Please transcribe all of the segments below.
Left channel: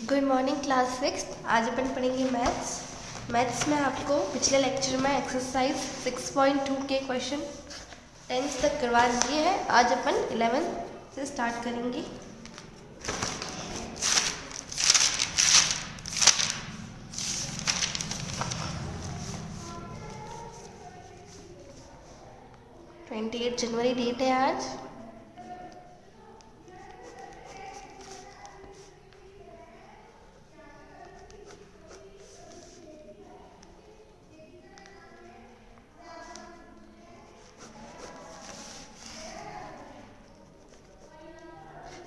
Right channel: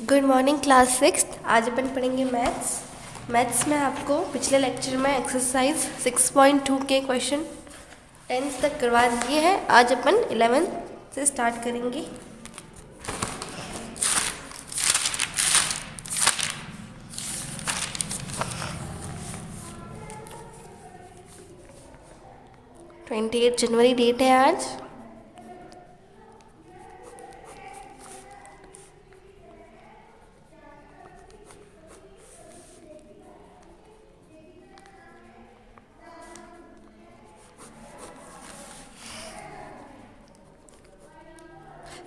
Good morning class six. आज अपन पढ़ेंगे maths में आपको पिछले लेक्चर में एक्सरसाइज 6.2 के क्वेश्चन 10th तक करवा दिए हैं। आज अपन 11th से स्टार्ट करेंगे। जनवरी 28 डेट है आज।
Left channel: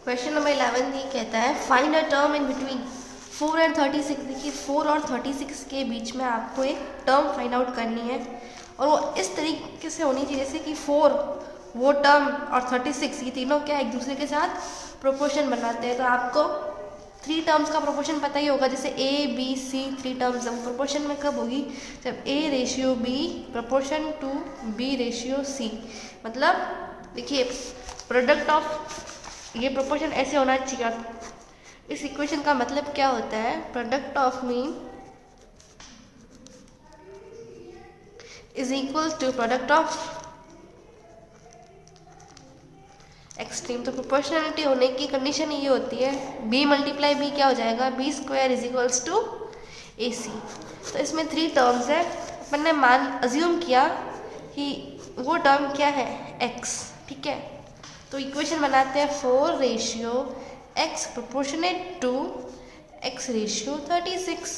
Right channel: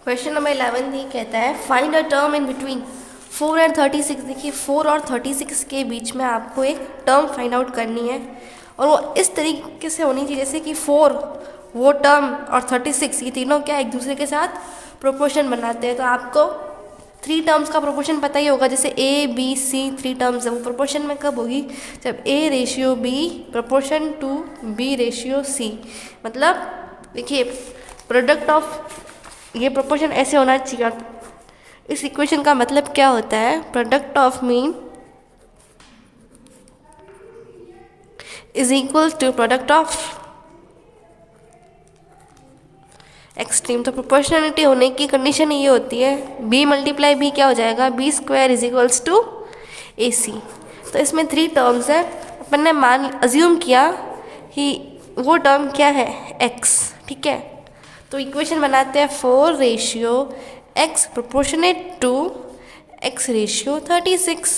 क्वेश्चन नंबर 11 ये कहता है find a term in between 4 and 36। देखिए 4 और 36 के बीच में आपको एक टर्म फाइंड आउट करनी है और वो इस तरीके से होनी चाहिए जैसे कि 4 वो टर्म और 36 ये तीनों क्या एक दूसरे के साथ प्रोपोर्शन बनाते हैं। तो आपको 3 टर्म्स का प्रोपोर्शन पता ही होगा, जैसे ए बी सी 3 टर्म्स है। वो प्रोपोर्शन में कब होगी? जब A ratio B proportion to B ratio C. मतलब देखिए प्रोडक्ट ऑफ ये प्रोपोर्शन ऐसे होना चाहिए। इस इक्वेशन का मतलब क्या होता है? Product of mean is equal to product of extreme. तो प्रोपोर्शनलिटी होने की कंडीशन ये होती है बी मल्टीप्लाई बी क्या हो जाएगा? B square is equals to A C. तो इसमें 3 टर्म्स है। अपन ने मान अज्यूम किया कि वो टर्म क्या है? एक्स। ठीक है, तो इक्वेशन बनाते हैं 4 ratio x proportionate to x ratio 36।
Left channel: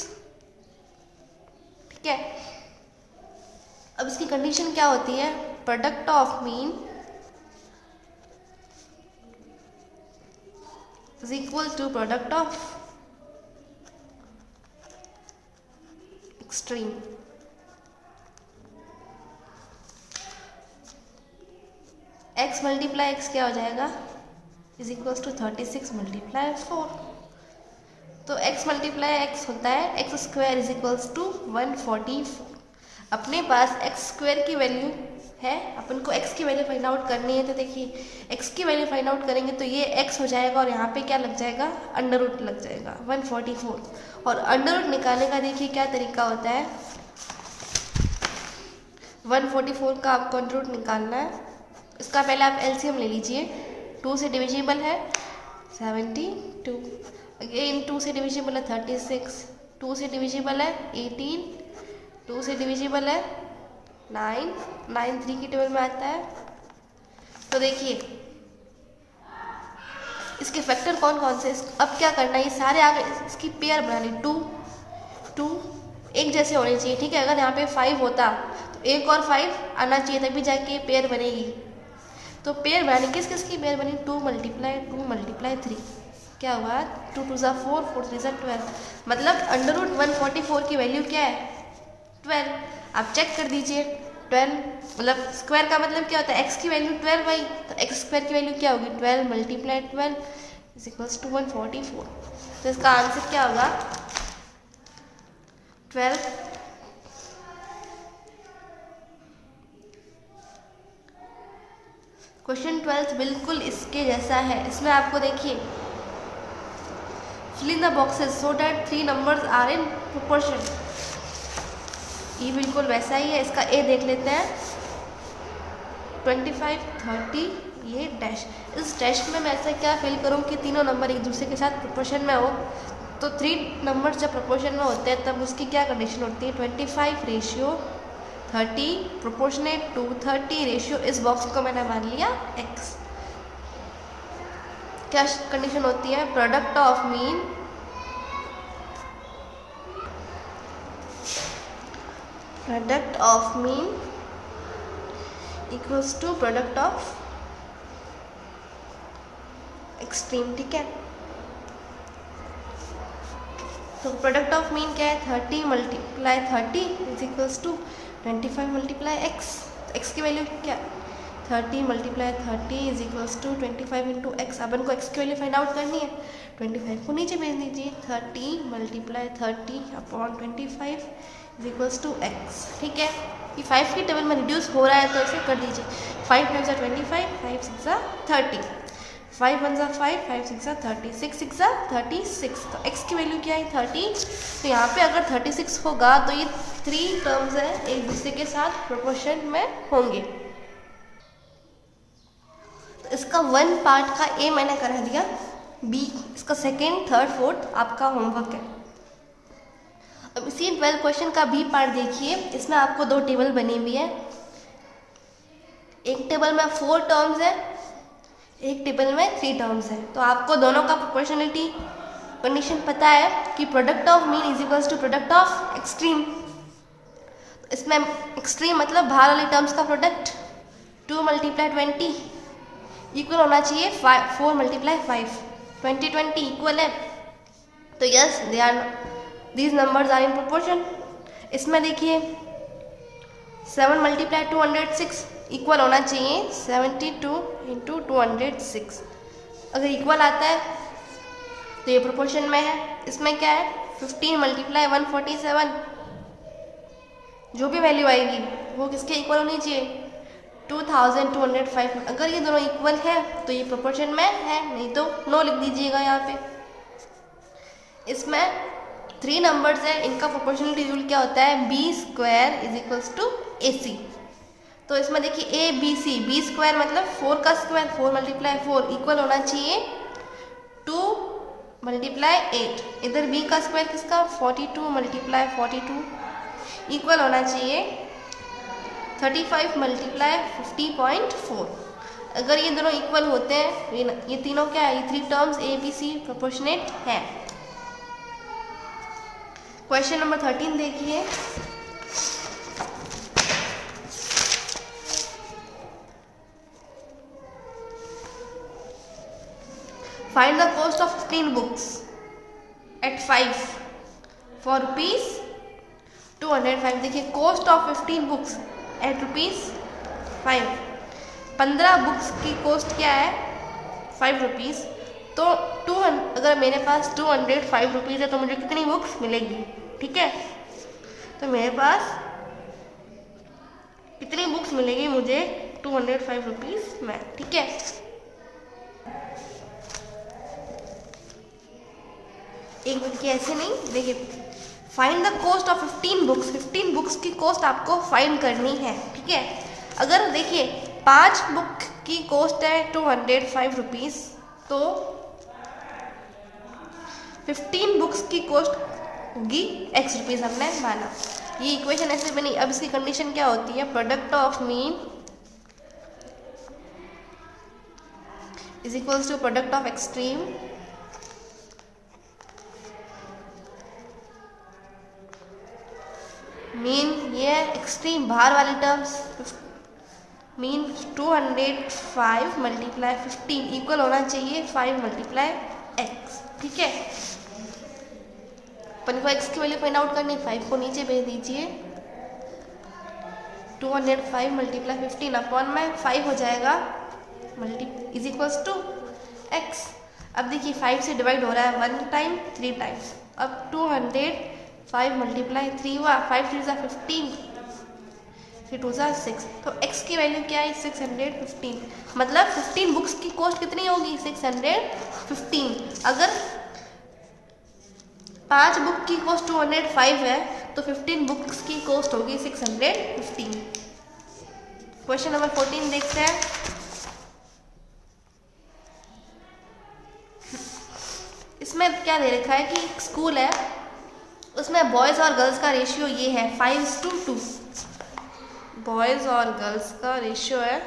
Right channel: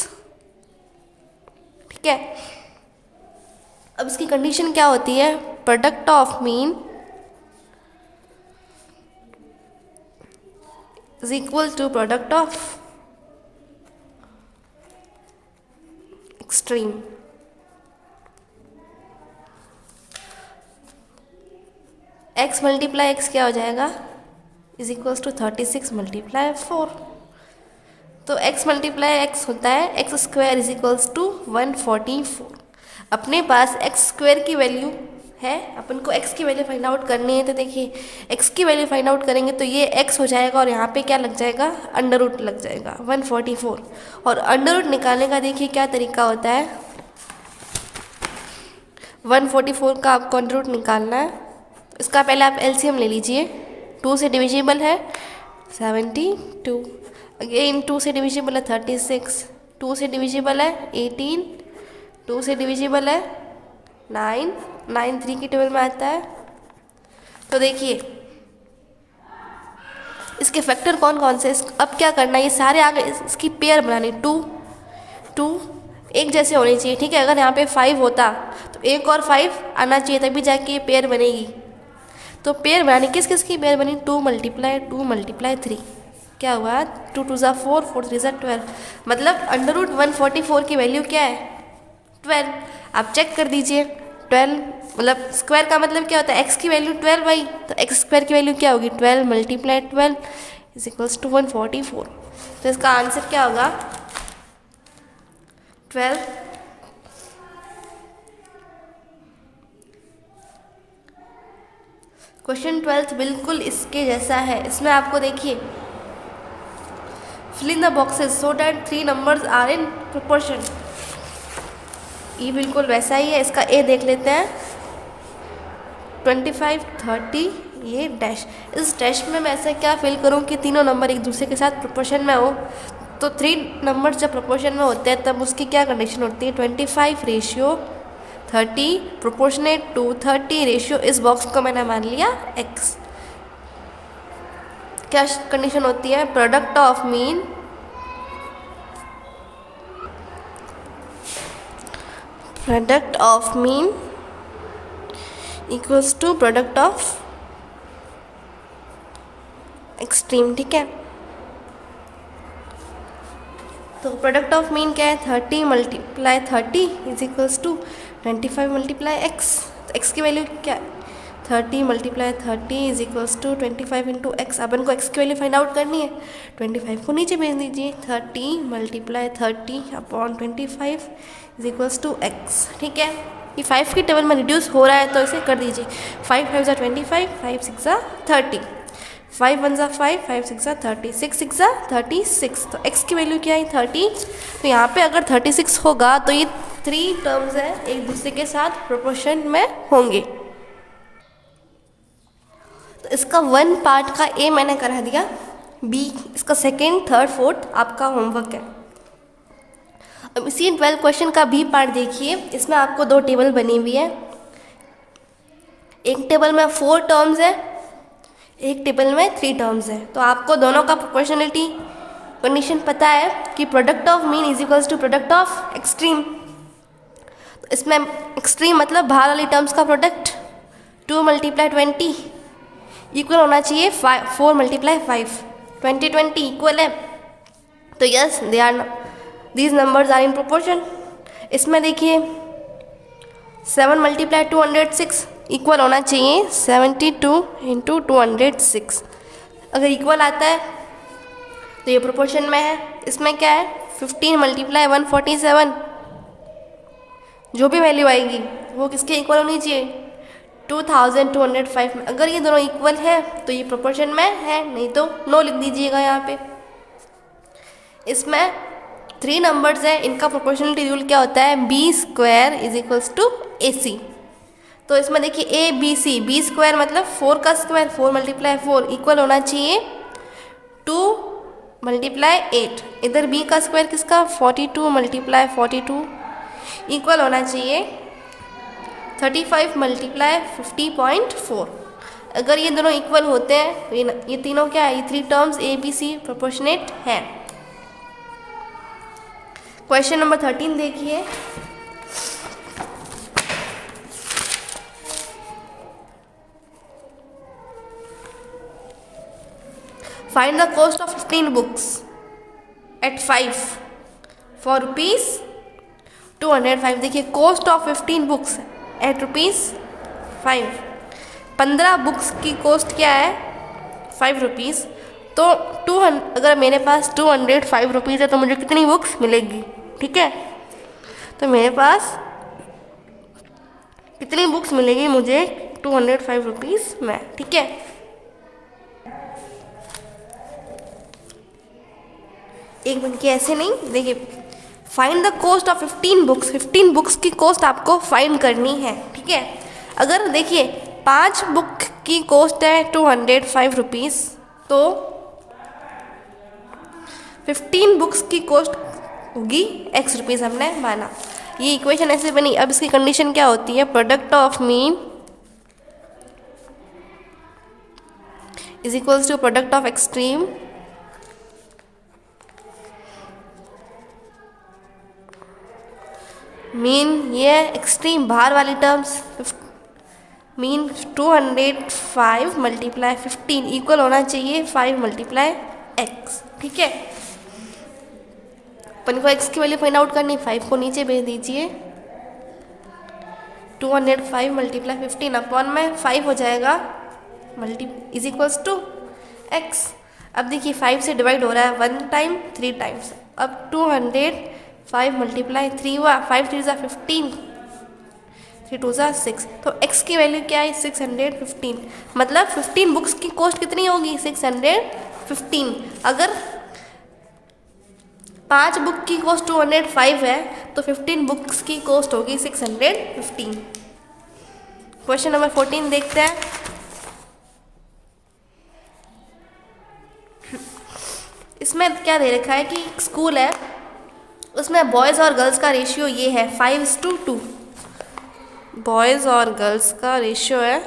ठीक है, अब इसकी कंडीशन क्या होती है? Product of mean is equal to product of extreme. x multiply X क्या हो जाएगा? Is equals to 36 multiply 4। तो x मल्टीप्लाई एक्स होता है X square is equals to 144। अपने पास x स्क्वायर की वैल्यू है, अपन को x की वैल्यू फाइंड आउट करनी है। तो देखिए x की वैल्यू फाइंड आउट करेंगे तो ये x हो जाएगा और यहाँ पे क्या लग जाएगा? अंडर रूट लग जाएगा 144। और अंडर रूट निकालने का देखिए क्या तरीका होता है? 144 का आपको अंडर रूट निकालना है। इसका पहले आप एलसीएम ले लीजिए। 2 से डिविजिबल है 72, अगेन 2 से डिविजिबल है 36, 2 से डिविजिबल है 18, 2 से डिविजिबल है 9, 9 3 की टेबल में आता है। तो देखिए इसके फैक्टर कौन कौन से? अब क्या करना है? ये सारे आ गए, इसकी पेयर बनानी। 2 2 एक जैसे होने चाहिए। ठीक है, अगर यहाँ पे 5 होता तो एक और 5 आना चाहिए तभी जाके ये पेयर बनेगी। तो पेयर बनानी, किस किस की पेयर बनी? 2 मल्टीप्लाई 3 क्या हुआ? 2 2 ज़ा 4, 4 3 ज़ा 12। मतलब अंडर रूट 144 की वैल्यू क्या है? 12। आप चेक कर दीजिए 12 मतलब स्क्वायर का मतलब क्या होता है? x की वैल्यू 12 भाई, तो x स्क्वायर की वैल्यू क्या होगी? 12 मल्टीप्लाई 12 इज इक्वल्स टू 144। तो इसका आंसर क्या होगा? 12। क्वेश्चन 12 बिल्कुल इसके जैसा है। इसमें आपको देखिए fill in the boxes so that 3 numbers are in proportion. ये बिल्कुल वैसा ही है। इसका ए देख लेते हैं 25 30, ये डैश। इस डैश में मैं ऐसा क्या फिल करूं कि तीनों नंबर एक दूसरे के साथ प्रोपोर्शन में हो? तो 3 नंबर जब प्रोपोर्शन में होते हैं तब उसकी क्या कंडीशन होती है? 25 रेशियो 30 प्रोपोर्शनेट टू 30 रेशियो, इस बॉक्स को मैंने मान लिया x। क्या कंडीशन होती है? Product of mean equals to product of extreme. ठीक है, तो प्रोडक्ट ऑफ मीन क्या है? 30 multiply 30 is equals to 25 multiply x. तो एक्स की वैल्यू क्या? 30 multiply 30 is equals to 25 into x. अपन को एक्स की वैल्यू फाइंड आउट करनी है। 25 को नीचे भेज दीजिए। 30 multiply 30 upon 25 is equals to X. ठीक है, ये 5 की टेबल में रिड्यूस हो रहा है तो इसे कर दीजिए। 5 5 ज़ा 25, 5 6 ज़ा 30। 5 1 ज़ा 5, 5 6 ज़ा 30, 6 6 ज़ा 36। तो x की वैल्यू क्या है 30। तो यहाँ पे अगर 36 होगा तो ये 3 टर्म्स है एक दूसरे के साथ प्रोपोर्शन में होंगे। तो इसका 1 पार्ट का ए मैंने करा दिया, बी इसका सेकेंड थर्ड फोर्थ आपका होमवर्क है। अब इसी 12 क्वेश्चन का बी पार्ट देखिए, इसमें आपको 2 टेबल बनी हुई है। एक टेबल में 4 टर्म्स है, एक टेबल में 3 टर्म्स है। तो आपको दोनों का प्रोपोर्शनलिटी कंडीशन पता है कि product of mean is equals to product of extreme. तो इसमें एक्सट्रीम मतलब बाहर वाली टर्म्स का प्रोडक्ट 2 × 20 इक्वल होना चाहिए 4 × 5, 20 20 इक्वल है। तो yes these numbers are in proportion. इसमें देखिए 7 × 206 इक्वल होना चाहिए 72 × 206। अगर इक्वल आता है तो ये प्रोपोर्शन में है। इसमें क्या है 15 × 147, जो भी वैल्यू आएगी वो किसके इक्वल होनी चाहिए 2205 में। अगर ये दोनों इक्वल है तो ये प्रोपोर्शन में है, नहीं तो नो लिख दीजिएगा यहाँ पे। इसमें 3 नंबर्स हैं, इनका प्रोपोर्शनलिटी रूल क्या होता है b² = AC। तो इसमें देखिए A B C, b² मतलब 4 का स्क्वायर 4 × 4 इक्वल होना चाहिए 2 × 8। इधर b का स्क्वायर किसका 42 × 42 इक्वल होना चाहिए 35 × 50.4। अगर ये दोनों इक्वल होते हैं तो ये तीनों क्या है, ये 3 terms A B C proportionate है। क्वेश्चन नंबर 13 देखिए, find the cost of 15 books at 5 for ₹205। देखिए cost of 15 books at ₹5। 15 books की कॉस्ट क्या है ₹5। तो अगर मेरे पास ₹205 है तो मुझे कितनी बुक्स मिलेगी, ठीक है। तो मेरे पास कितनी बुक्स मिलेगी मुझे ₹205 में, ठीक है। एक मिनट की ऐसे नहीं, देखिए find the cost of 15 books. 15 books की कॉस्ट आपको फाइंड करनी है, ठीक है। अगर देखिए 5 बुक की कॉस्ट है ₹205 तो 15 बुक्स की कॉस्ट होगी X रुपीज़, हमने माना। ये इक्वेशन ऐसे बनी। अब इसकी कंडीशन क्या होती है, product of mean is equals to product of extreme mean ये एक्सट्रीम बाहर वाली टर्म्स मीन 205 × 15 इक्वल होना चाहिए 5 × x, ठीक है। अपन को x की वैल्यू फाइंड आउट करनी, 5 को नीचे भेज दीजिए 205 × 15 अपॉन में 5 हो जाएगा इज इक्वल्स टू x। अब देखिए 5 से डिवाइड हो रहा है 1 टाइम 3 टाइम्स। अब 205 × 3 हुआ, 5 3 = 15, 3 2 = 6। तो x की वैल्यू क्या है 615। मतलब 15 बुक्स की कॉस्ट कितनी होगी 615। अगर 5 बुक की कॉस्ट 205 है तो 15 बुक्स की कॉस्ट होगी 615। क्वेश्चन नंबर 14 देखते हैं। इसमें क्या दे रखा है कि स्कूल है, उसमें बॉयज़ और गर्ल्स का रेशियो ये है 5:2। बॉयज़ और गर्ल्स का रेशियो है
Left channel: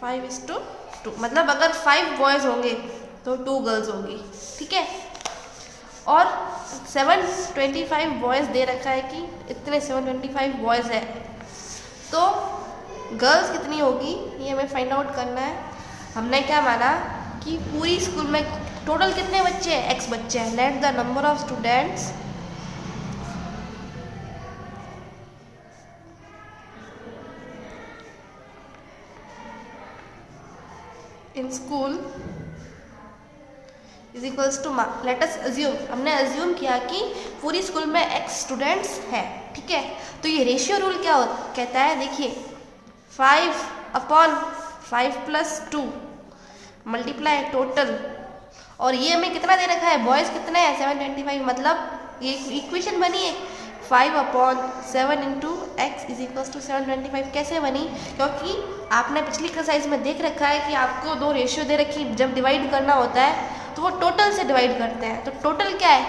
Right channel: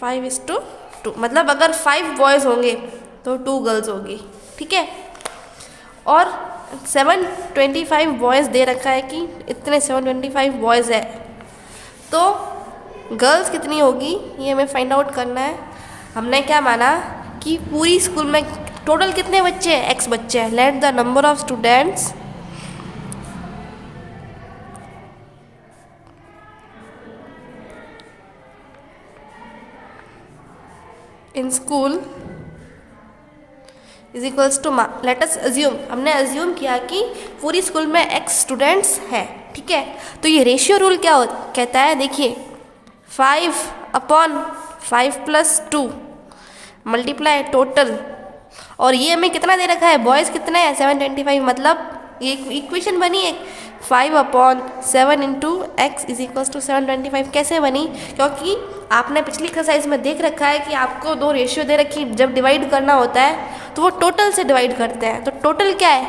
5:2। मतलब अगर 5 बॉयज़ होंगे तो 2 गर्ल्स होगी, ठीक है। और 725 बॉयज़ दे रखा है कि इतने 725 बॉयज़ है, तो गर्ल्स कितनी होगी ये हमें फाइंड आउट करना है। हमने क्या माना कि पूरी स्कूल में टोटल कितने बच्चे हैं, x बच्चे हैं। Let the number of students in school is equals to let us assume, हमने अज्यूम किया कि पूरी स्कूल में x स्टूडेंट्स हैं, ठीक है। तो ये रेशियो रूल क्या कहता है, देखिए 5 अपॉन 5 + 2 मल्टीप्लाई टोटल, और ये हमें कितना दे रखा है, बॉयज़ कितने हैं 725, मतलब ये इक्वेशन बनी है 5/7 × x = 725। कैसे बनी? क्योंकि आपने पिछली एक्सरसाइज में देख रखा है कि आपको दो रेशियो दे रखी, जब डिवाइड करना होता है तो वो टोटल से डिवाइड करते हैं, तो टोटल क्या है,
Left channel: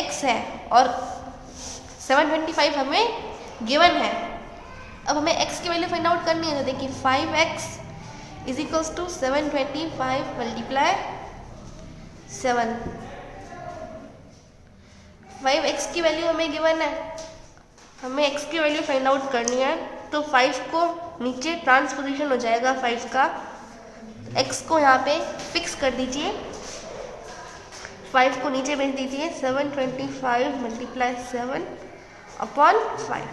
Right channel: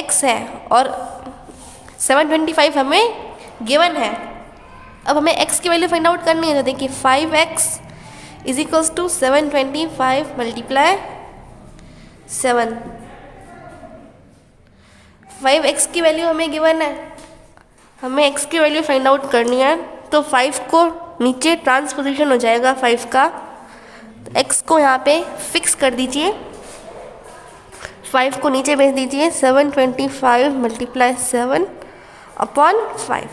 x है और 725 हमें गिवन है। अब हमें x की वैल्यू फाइंड आउट करनी है, तो देखिए 5x = 725 × 7। 5x की वैल्यू हमें गिवन है, हमें x की वैल्यू फाइंड आउट करनी है, तो 5 को नीचे ट्रांसपोजिशन हो जाएगा 5 का, तो x को यहाँ पे फिक्स कर दीजिए, 5 को नीचे भेज दीजिए, 725 × 7/5।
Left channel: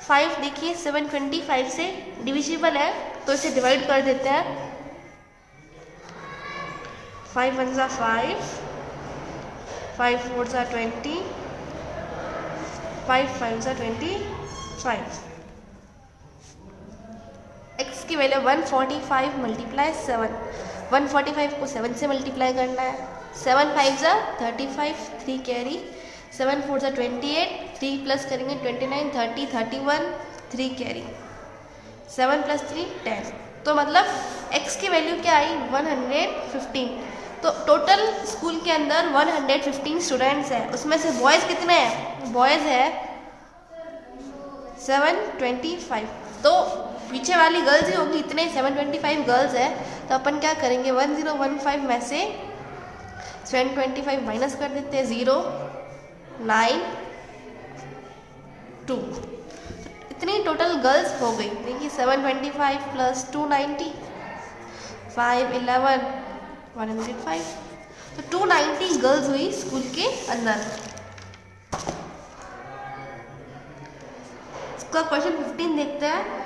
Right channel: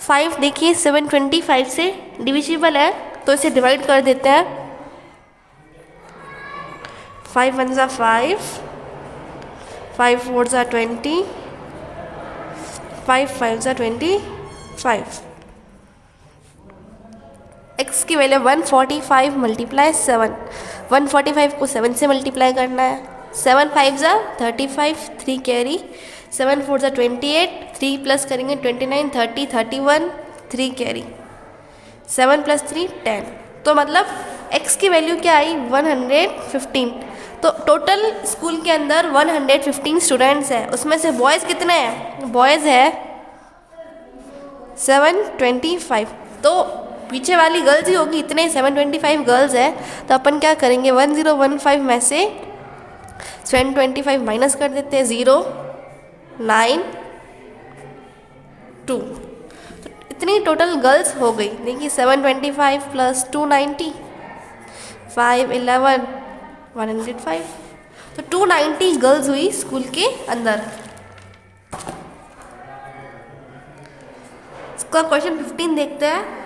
5 देखिए 725 से डिविजिबल है, तो इसे डिवाइड कर देते हैं, 5 1 = 5, 5 4 = 20, 5 5 = 25। x की वैल्यू 145 × 7, 145 को 7 से मल्टीप्लाई करना है, 7 5 = 35, 3 कैरी, 7 4 = 28, 3 प्लस करेंगे 29, 30, 31, 3 कैरी, 7 + 3 10, तो मतलब x की वैल्यू क्या आई 115। तो टोटल स्कूल के अंदर 115 स्टूडेंट्स हैं, उसमें से बॉयज़ कितने हैं, बॉयज़ है 725, तो पीछे वाली गर्ल्स ही होगी, इतने 725 गर्ल्स है, तो अपन क्या करेंगे 1015 में से 725 माइनस कर देते हैं, 0 9 2, तो इतनी टोटल गर्ल्स हो गई। देखिए 725 + 290, 5 11 105, तो 290 गर्ल्स हुई स्कूल के अंदर। इसका क्वेश्चन 15 देखते हैं।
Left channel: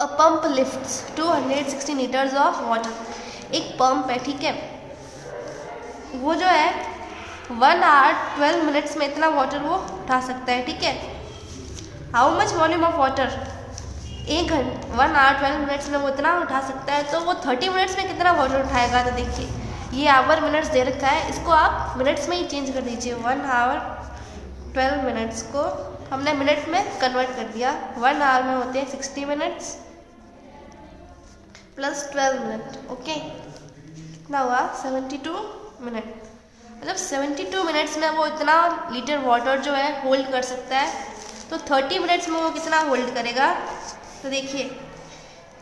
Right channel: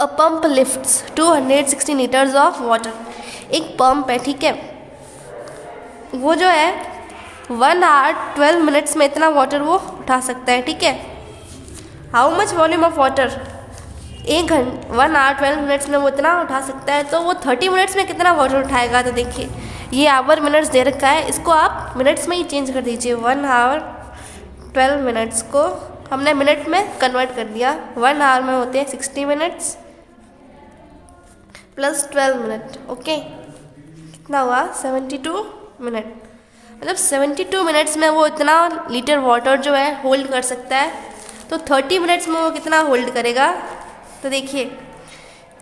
अ pump lifts 260 litres of water. एक पंप है, ठीक है, वो जो है 1 hour 12 minutes में इतना वाटर वो उठा सकता है, ठीक है। How much volume of water, 1 hour 12 minutes में वो इतना उठा सकता है, तो वो 30 मिनट्स में कितना वाटर उठाएगा, तो देखिए ये आवर मिनट्स दे रखा है, इसको आप मिनट्स में ही चेंज कर दीजिए, 1 hour 12 minutes को हमने मिनट में कन्वर्ट कर दिया, 1 hour में होते हैं 60 मिनट्स प्लस 12 मिनट, ओके, कितना हुआ 72 मिनट, मतलब 72 मिनट्स में वो इतना लीटर वाटर जो है होल्ड कर सकता है, तो 30 मिनट्स में वो कितना होल्ड करेगा, तो देखिए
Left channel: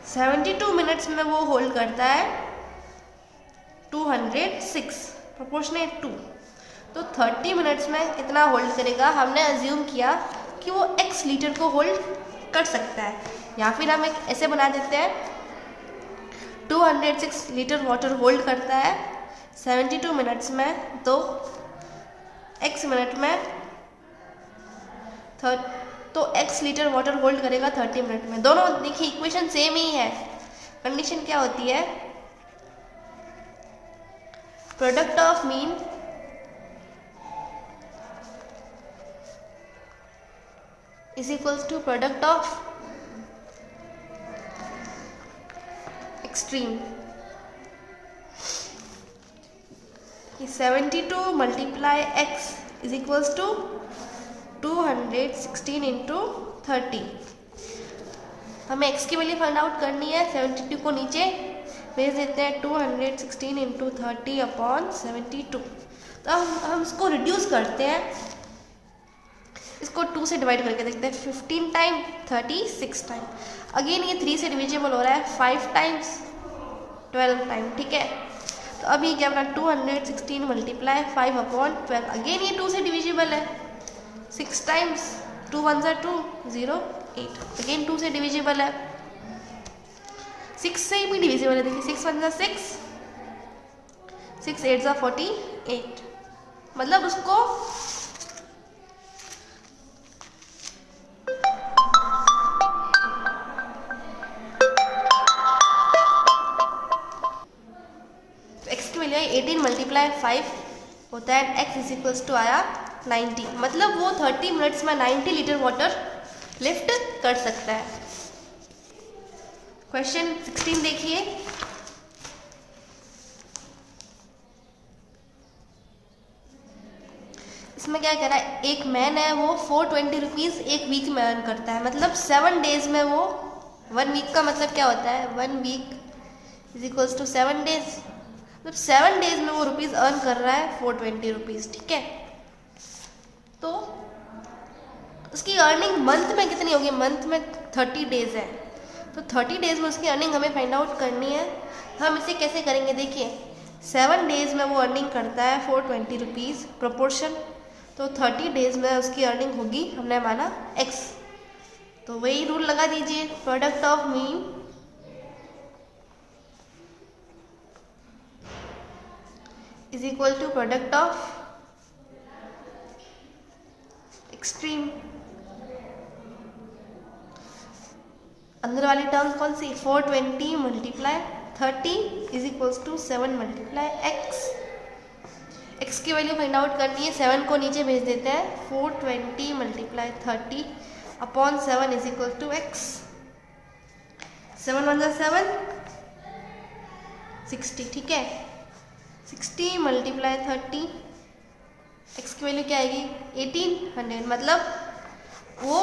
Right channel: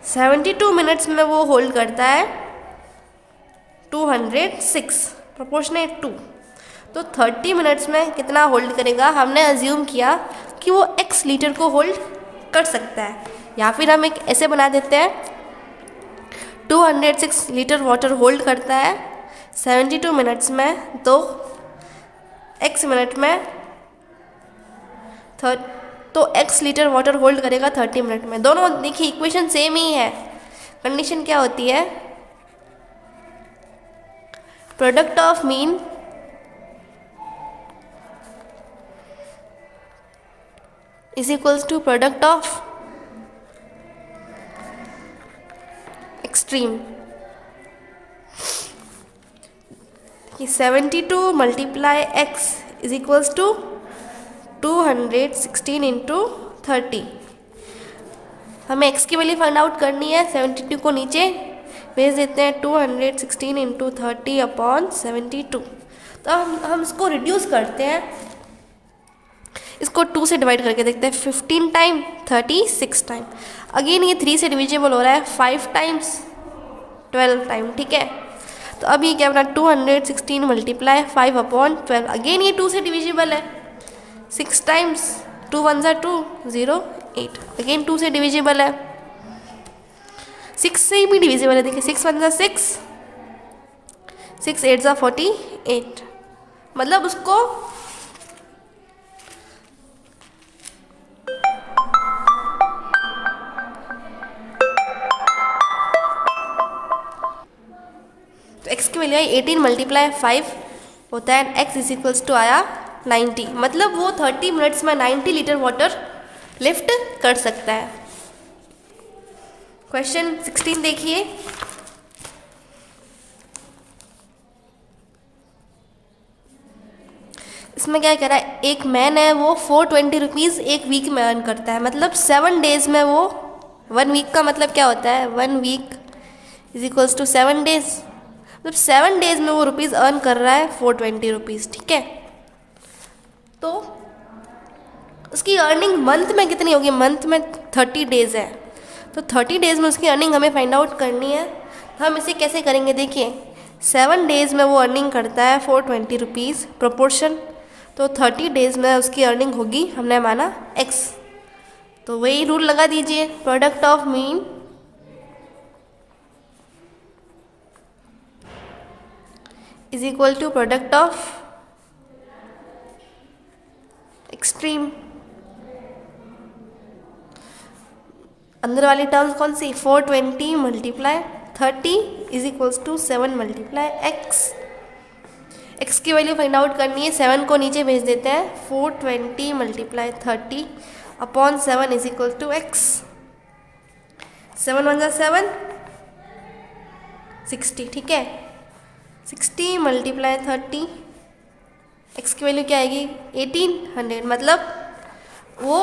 72 मिनट्स में वो होल्ड करता है 206 प्रोपोर्शनेट 2, तो 30 मिनट्स में कितना होल्ड करेगा, हमने अज्यूम किया कि वो x लीटर को होल्ड कर सकता है, या फिर हम एक ऐसे बना देते हैं 206 लीटर वाटर होल्ड करता है 72 मिनट्स में, तो x मिनट में तो x लीटर वाटर होल्ड करेगा 30 मिनट में। दोनों देखिए इक्वेशन सेम ही है, कंडीशन क्या होती है, product of mean is equals to product of extreme, कि 72 × x इज इक्वल्स टू 216 × 30। हमें x की वैल्यू फाइंड आउट करनी है, 72 को नीचे भेज देते हैं, 216 × 30/72, तो हम इसको रिड्यूस करते हैं, इसको 2 से डिवाइड करके देखते हैं, 15 टाइम 36 टाइम, अगेन ये 3 से डिविजिबल हो रहा है, 5 टाइम्स 12 टाइम, ठीक है, तो अभी क्या बना 216 × 5/12, अगेन ये 2 से डिविजिबल है, 6 टाइम्स 2 1 = 2 0 8, अगेन 2 से डिविजिबल है, 6 से भी डिविजिबल है, देखिए 6 1 = 6, 6 8 = 48, मतलब उसको x की वैल्यू आई 18 मल्टीप्लाई 5 होता है, एक्स इज इक्वल्स टू आया 90, मतलब वो 30 मिनट्स में 90 लीटर वाटर लिफ्ट कर सकता है। क्वेश्चन 16 देखिए। इसमें क्या कह रहा है, एक मैन है वो 420 रुपीज़ एक वीक में अर्न करता है, मतलब 7 डेज में वो 1 वीक का मतलब क्या होता है, 1 week is equals to 7 days, मतलब 7 डेज में वो रुपीज़ अर्न कर रहा है 420 रुपीज़, ठीक है। तो उसकी अर्निंग मंथ में कितनी होगी, मंथ में 30 डेज है, तो 30 डेज में उसकी अर्निंग हमें फाइंड आउट करनी है। हम इसे कैसे करेंगे, देखिए 7 डेज में वो अर्निंग करता है 420 रुपीज़ प्रोपोर्शन, तो 30 डेज में उसकी अर्निंग होगी, हमने माना x, तो वही रूल लगा दीजिए, product of mean is equal to product of extreme. अंदर वाली टर्म्स कौन सी, 420 multiply 30 is equals to 7 multiply x। x की वैल्यू फाइंड आउट करनी है, 7 को नीचे भेज देते हैं, 420 multiply 30 upon 7 is equal to x। 7 1 जा 7, 60, ठीक है। 60 मल्टीप्लाई 30, x की वैल्यू क्या आएगी 1800, मतलब वो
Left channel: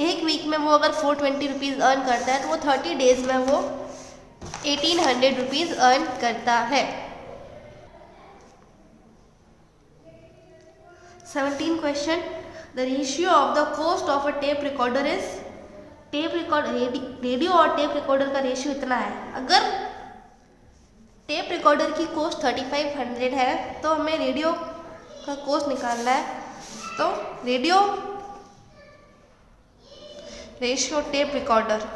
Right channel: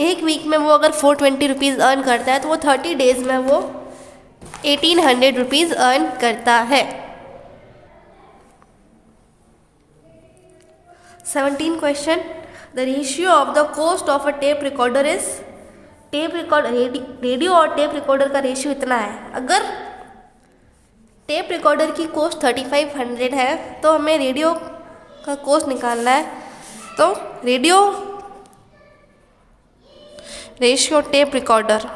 एक वीक में वो अगर 420 रुपीज़ अर्न करता है तो वो 30 डेज में वो 1800 रुपीज़ अर्न करता है। 17 question, the ratio of the cost of a tape recorder is, tape record radio और टेप रिकॉर्डर का रेशियो इतना है, अगर टेप रिकॉर्डर की कॉस्ट 3500 है तो हमें रेडियो का कॉस्ट निकालना है, तो रेशियो टेप रिकॉर्डर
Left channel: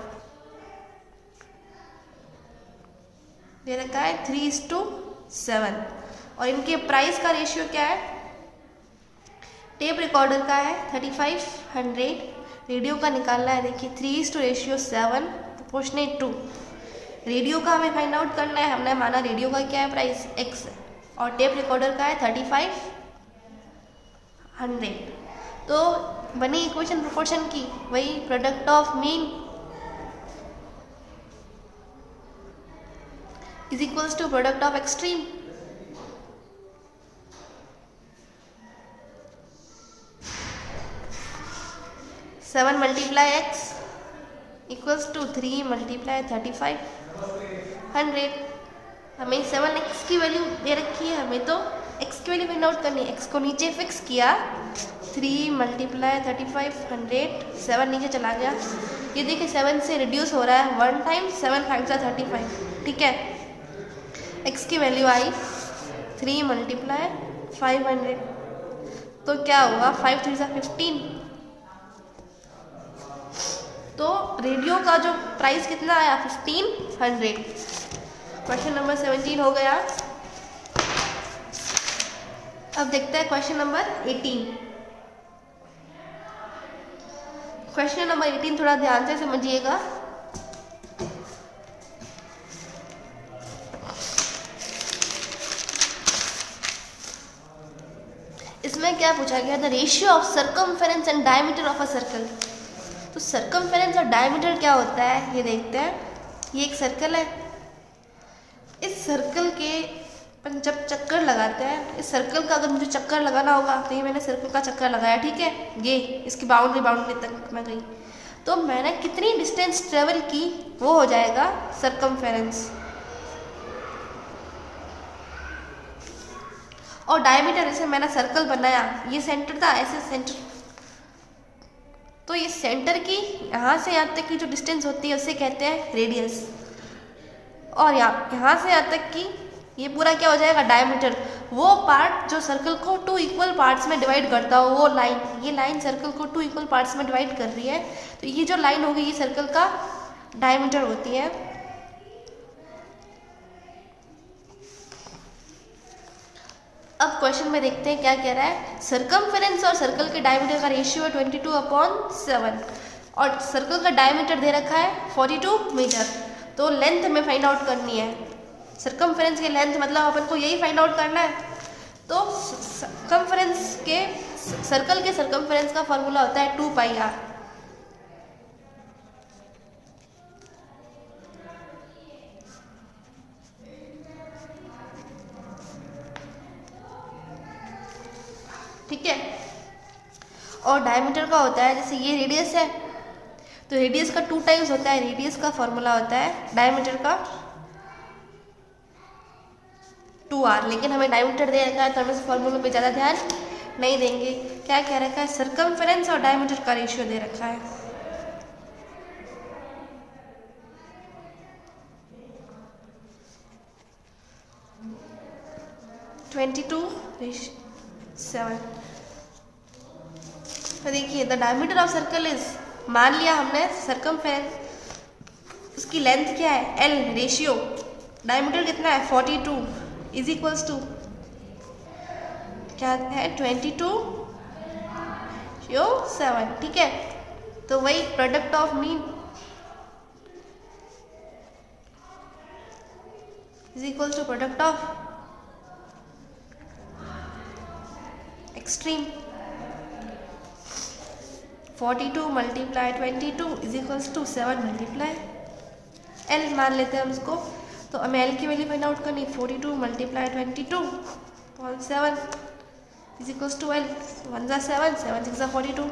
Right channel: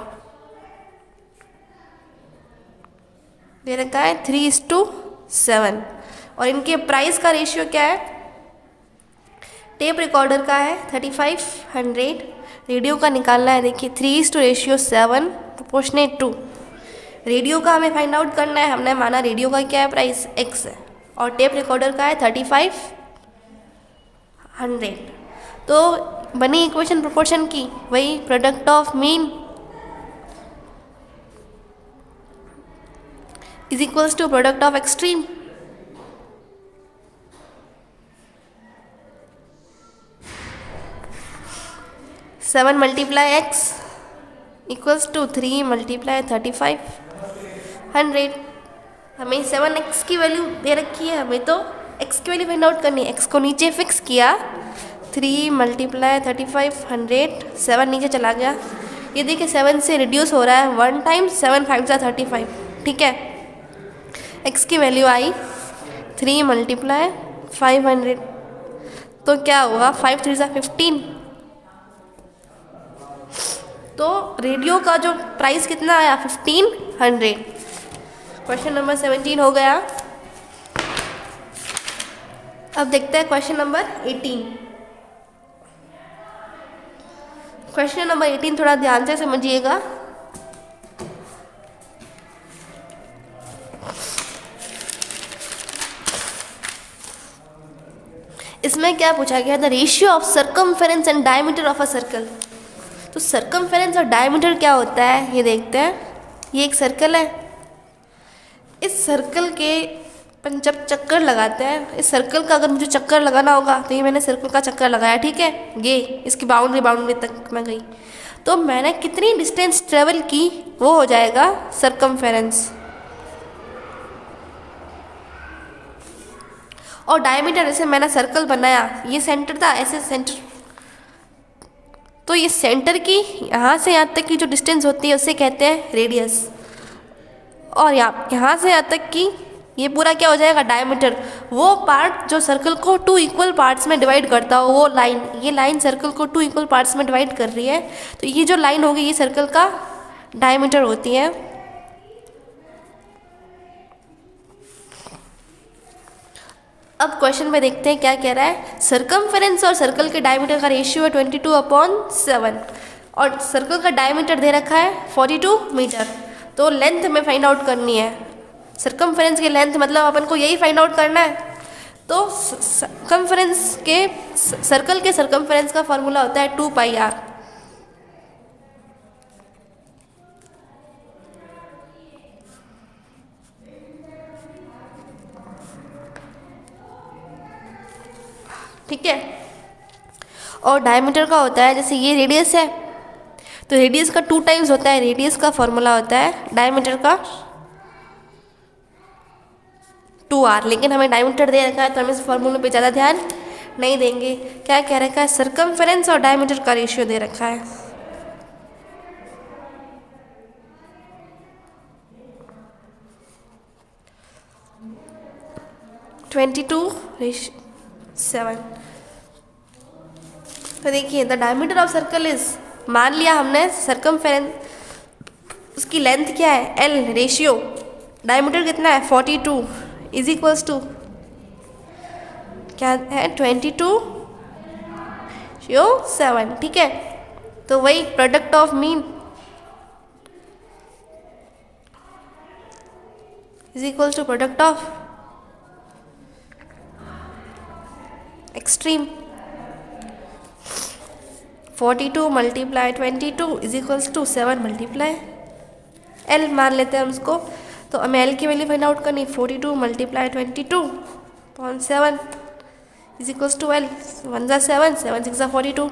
दे रखा है 3:7, और इनके प्राइस का रेशियो क्या है, टेप रिकॉर्डर का है 3500, रेडियो का निकालना है, देखिए 3:7 प्रोपोर्शनेट टू, रेडियो का हमें फाइंड आउट करना है, हमने माना रेडियो का क्या है प्राइस x है, और टेप रिकॉर्डर का है 3500, तो बनी इक्वेशन प्रोपोर्शन की, वही product of mean is equals to product of extreme. Seven multiply X equals to 3 multiply 3500, हमें 7x की वैल्यू दे रखी है, हमें तो x की वैल्यू फाइंड आउट करनी है, x को नीचे फिक्स किया, 3 मल्टीप्लाई 3500, 7 नीचे चला गया, ये देखिए 7 से रिड्यूस हो रहा है 1 टाइम, 7 5 सा 35, ठीक है। x की वैल्यू आई 3 मल्टीप्लाई 500, तो क्या हुआ 5 3 सा 15, तो रेडियो का जो प्राइस कितना आया 1500। क्वेश्चन नंबर 17 हो गया। अब देखते हैं क्वेश्चन नंबर 18। क्वेश्चन नंबर 18 थोड़ा ध्यान से समझिएगा। इसमें क्या पूछा गया, the ratio of circumference and diameter of a circle. तो सर्कमफेरेंस और डायमीटर क्या होता है ये देखते हैं। ये एक सर्कल है, इस सर्कल के अपन जब चक्कर लगाते हैं, इस सर्कल का अगर मुझे चक्कर लगाना होगा तो ये मैंने सर्कल का चक्कर लगाया, ठीक है, ये इसकी बाउंड्री तक मैं गई, तो मैंने कितनी डिस्टेंस ट्रेवल की वो हो जाएगा सर्कमफेरेंस। और डायमीटर, जैसे मैंने सर्कल बनाया, ये सेंटर था, ऐसे सेंटर, तो ये सेंटर की यहाँ से यहाँ तक की जो डिस्टेंस होती है उसे कहते हैं रेडियस, और यहाँ से यहाँ तक की ये पूरा क्या हो जाएगा डायमीटर। वो पार्ट जो सर्कल को 2 इक्वल पार्ट्स में डिवाइड करता हो, वो लाइन, ये लाइन सर्कल को 2 इक्वल पार्ट्स में डिवाइड कर रही है, तो ये जो लाइन होगी ये सर्कल का डायमीटर होती है। अब क्वेश्चन में देखते हैं क्या कह रहा है। सर्कमफेरेंस और सर्कल के डायमीटर का रेशियो है 22/7, और सर्कल का डायमीटर दे रखा है 42 मीटर। तो लेंथ हमें फाइंड आउट करनी है, सर्कमफेरेंस की लेंथ, मतलब अपन को यही फाइंड आउट करना है। तो सर्कमफेरेंस के सर्कल के सर्कमफेरेंस का फॉर्मूला होता है 2πr। ठीक है। और डायमीटर का होता है, जैसे ये रेडियस है तो रेडियस का 2 टाइम्स होता है, रेडियस का फॉर्मूला होता है डायमीटर का 2r। लेकिन हमें डायमीटर दे रखा है तो हम इस फॉर्मूले पे ज़्यादा ध्यान नहीं देंगे। क्या कह रखा है, सर्कमफेरेंस और डायमीटर का रेशियो दे रखा है। (22:7). तो देखिए the diameter of circle is, मान लिया हमने सर्कमफेरेंस, उसकी लेंथ क्या है L, रेशियो डायमीटर कितना है 42 इज इक्वल्स टू क्या है 22/7। ठीक है। तो वही product of mean is equals to product of extreme. 42 multiply 22 is equals to 7 multiply L मान लेते हैं हम उसको। तो हमें L की वैल्यू फाइंड आउट करनी, 42 multiply 22/7 is equals to L, 1 × 7, 7 × 6 = 42,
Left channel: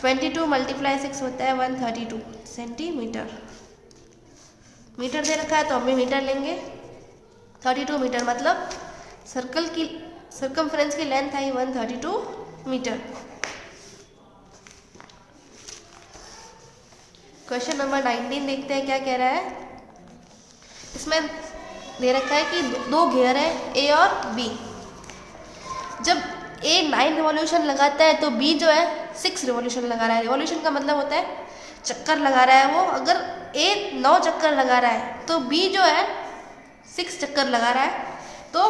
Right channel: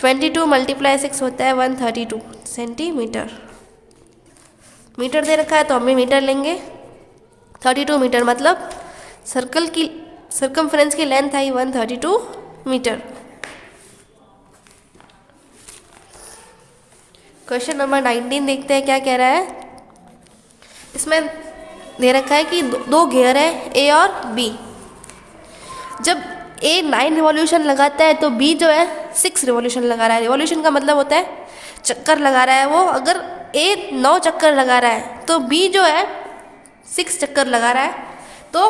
22 multiply 6 होता है 132 सेंटीमीटर। मीटर दे रखा है तो हम मीटर लेंगे। 32 मीटर मतलब सर्कल की सर्कमफेरेंस की लेंथ आई 132 मीटर। क्वेश्चन नंबर 19 देखते हैं क्या कह रहा है। इसमें दे रखा है कि दो घेर है A और B। जब A 9 रिवॉल्यूशन लगाता है तो B जो है 6 रिवॉल्यूशन लगा रहा है। रिवॉल्यूशन का मतलब होता है चक्कर लगा रहा है वो। अगर A 9 चक्कर लगा रहा है तो B जो है 6 चक्कर लगा रहा है। तो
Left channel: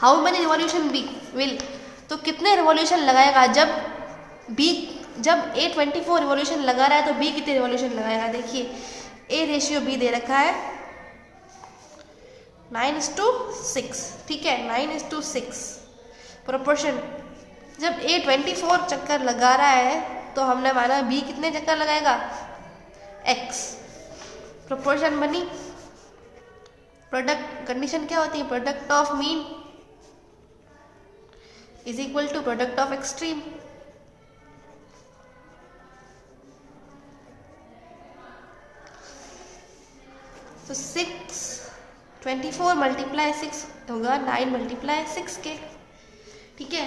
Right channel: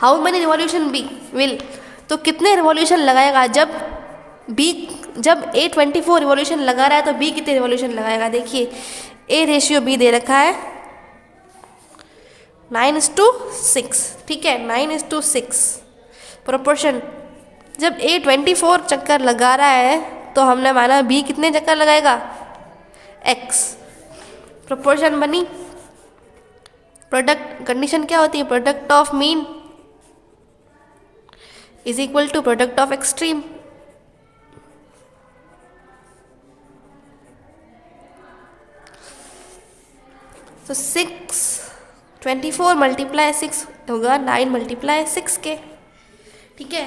how many revolution B will, तो कितने रिवॉल्यूशन लगाएगा जब A 24 रिवॉल्यूशन लगा रहा है तो B कितने रिवॉल्यूशन लगाएगा। देखिए A रेशियो B दे रखा है 9:6। ठीक है, 9:6 प्रोपोर्शन। जब A 24 चक्कर लगा रहा है तो हमने माना B कितने चक्कर लगाएगा X। प्रोपोर्शन बनी। प्रोडक्ट कंडीशन क्या होती है, product of mean is equal to product of extreme. तो 24 मल्टीप्लाई 6 होगा 9 मल्टीप्लाई 6 के। ठीक है,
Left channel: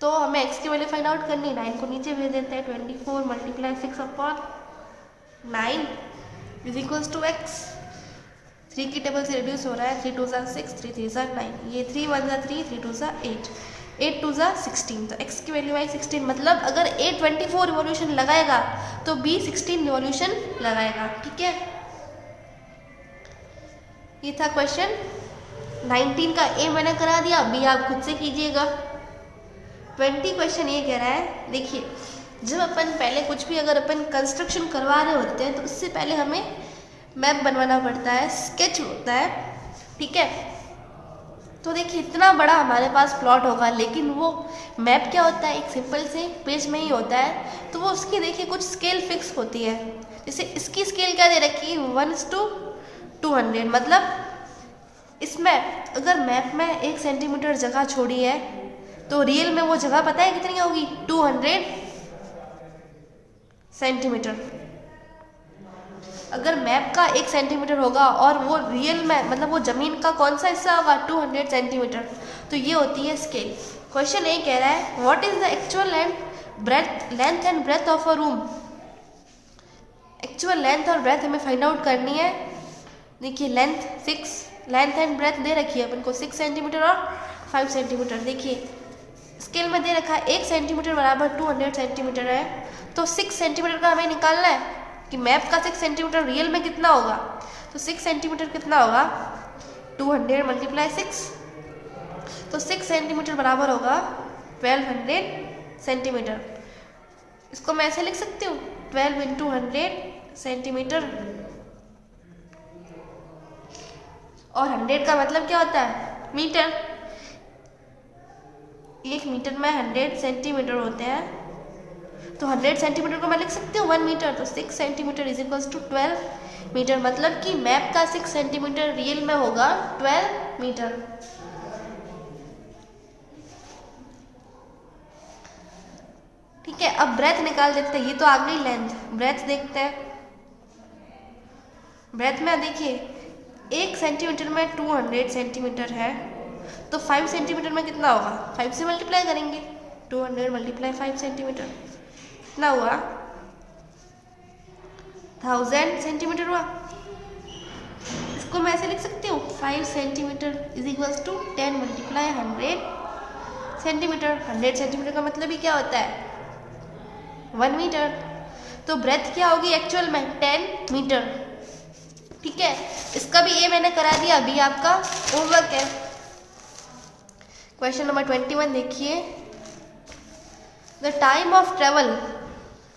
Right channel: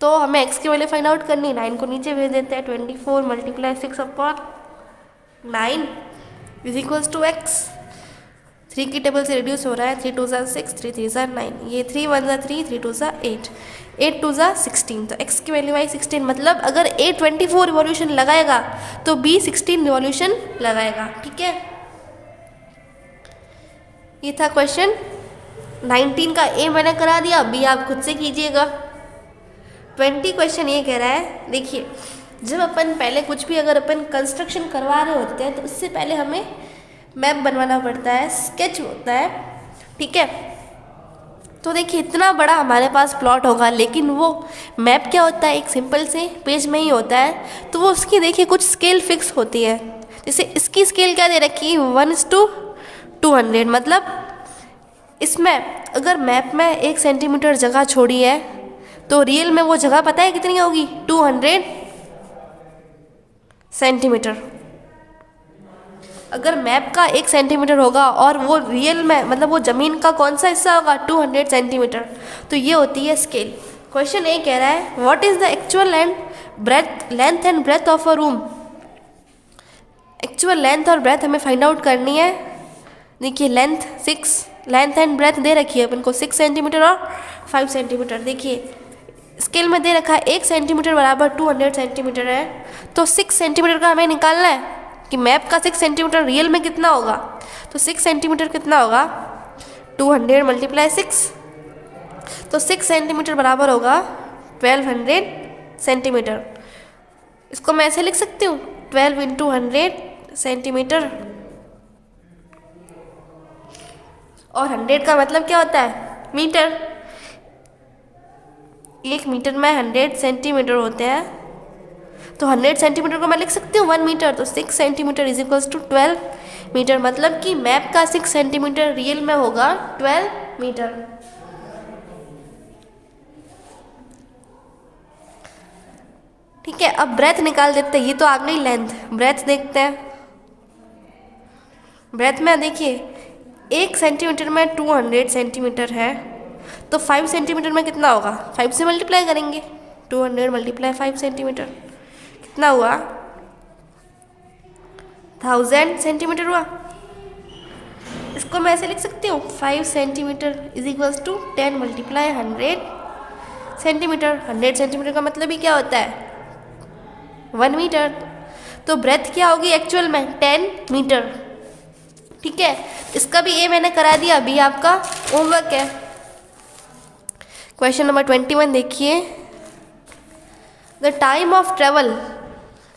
तो हमें x की वैल्यू फाइंड आउट करनी। 9 को नीचे भेज देते हैं। 24 multiply 6 upon 9 is equals to x। 3 की टेबल से रिड्यूस हो रहा है। 3 × 2 = 6, 3 × 3 = 9, ये 3 × 1 = 3, 3 × 2 = 8, 8 × 2 = 16। तो x की वैल्यू आई 16। मतलब अगर A 24 रिवॉल्यूशन लगाएगा तो B 16 रिवॉल्यूशन लगाएगा। ठीक है, ये था क्वेश्चन 19 का। A मैंने करा दिया, B आप खुद से कीजिएगा। 20 क्वेश्चन ये कह रहा है, देखिए जब अपन पहले कुछ भी अगर अपन कंस्ट्रक्शन करवा रहे होते हैं तो उससे पहले हमें मैप बनवाना पड़ता है, स्केच होता है। ठीक है, तो देखिए इतना बड़ा हमारे पास प्लॉट होगा, लेकिन वो मैप क्या होता है, एक सिंपल से पेज में ही होता है। तो वो उसकी देखिए कुछ स्केल फिक्स होती है। जैसे इसकी स्केल क्या दे रखी है 1:200। मतलब इसमें अगर मैप में 1 सेंटीमीटर जगह छोड़ी है तो रियल में वो जगह पता है कितनी होगी 200 सेंटीमीटर। अगर मैप का 1 सेंटीमीटर होगा और वो रियल में मतलब वो ज़मीन का कौन सा हिस्सा होगा 200 सेंटीमीटर। तो ये होती है स्केल। क्वेश्चन ए कह रहा है what is the actual length and breadth of a room. Actual length और ब्रेथ हमें फाइंड आउट करनी है। देखिए लेंथ एंड ब्रेथ दे रखी है अपन को 6 सेंटीमीटर और 5 सेंटीमीटर। देखिए स्केल में दे रखा है 1 सेंटीमीटर बराबर 200 सेंटीमीटर है। तो 6 सेंटीमीटर का हमें निकालना है कि मैप का 6 सेंटीमीटर रियल में कितना होगा। तो 6 सेंटीमीटर कितना होगा 200 मल्टीप्लाई 6। तो 6 सेंटीमीटर बराबर होगा 1200 सेंटीमीटर। इसको मैं ऐसे लिख सकती हूँ 12 इंटू 100 सेंटीमीटर, और 100 का मतलब क्या होता है? मीटर। 1 मीटर में 100 सेंटीमीटर होते हैं, तो 100 सेंटीमीटर को मैं लिख सकती हूँ 1 मीटर, तो 6 centimetre is equals to 12 metre. मतलब कि मैप का 6 सेंटीमीटर रियल में होगा 12 मीटर। ठीक है, अब ब्रेथ निकाल देते हैं। ये तो आ गई लेंथ, ब्रेथ देखते हैं। ब्रेथ में देखिए 1 सेंटीमीटर में 200 सेंटीमीटर है, तो 5 सेंटीमीटर में कितना होगा? 5 से मल्टीप्लाई करेंगे, 200 मल्टीप्लाई 5 सेंटीमीटर कितना हुआ? 1000 सेंटीमीटर हुआ। इसको मैं ऐसे लिख सकती हूँ 5 centimetre is equals to 10 multiply 100 centimetre. 100 centimetre का मतलब ही क्या होता है? 1 मीटर। तो ब्रेथ क्या होगी एक्चुअल में? 10 मीटर। ठीक है, इसका भी ए मैंने करा दिया, अभी आपका होमवर्क है। क्वेश्चन नंबर 21 देखिए, द टाइम ऑफ ट्रेवल।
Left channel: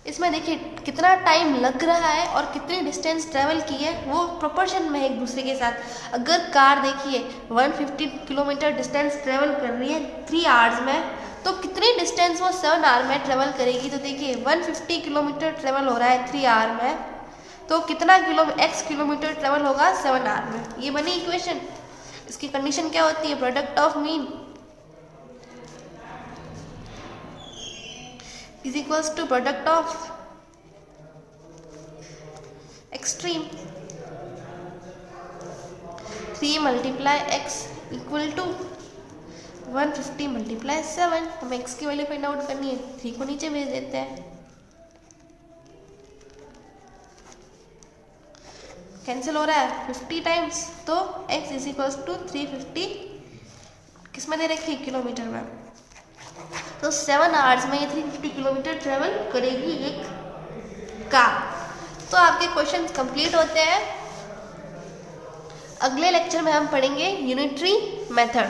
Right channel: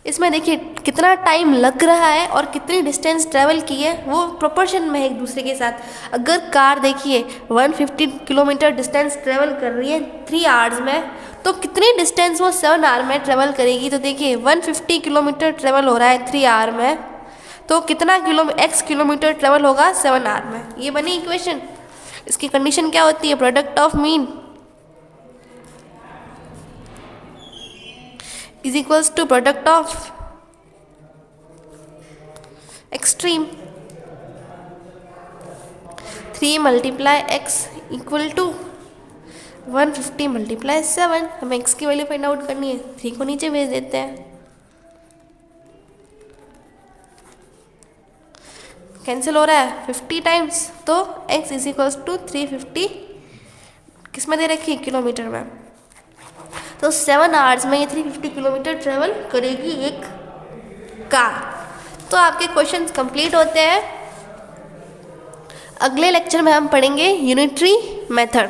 इसमें देखिए कितना टाइम लग रहा है और कितनी डिस्टेंस ट्रेवल की है, वो प्रोपोर्शन में है एक दूसरे के साथ। अगर कार देखिए 150 किलोमीटर डिस्टेंस ट्रेवल कर रही है 3 आवर्स में, तो कितनी डिस्टेंस वो 7 आवर में ट्रेवल करेगी? तो देखिए 150 किलोमीटर ट्रेवल हो रहा है 3 आवर में, तो कितना x किलोमीटर ट्रेवल होगा 7 आवर में। ये बनी इक्वेशन। इसकी कंडीशन क्या होती है? Product of mean is equals to product of extreme. 3 multiply x equal to 150 multiply 7। हमें x की वैल्यू फाइंड आउट करनी है, 3 को नीचे भेज देते हैं, कैंसिल हो रहा है 50 टाइम्स, तो x इज इक्वल्स टू 350 किस में दे रखी है? किलोमीटर में। तो 7 आवर्स में ये 350 किलोमीटर ट्रेवल करेगी एक कार। तो आपके क्वेश्चंस कंप्लीट होते हैं। अगले लेक्चर में हम पढ़ेंगे यूनिटरी मेथड।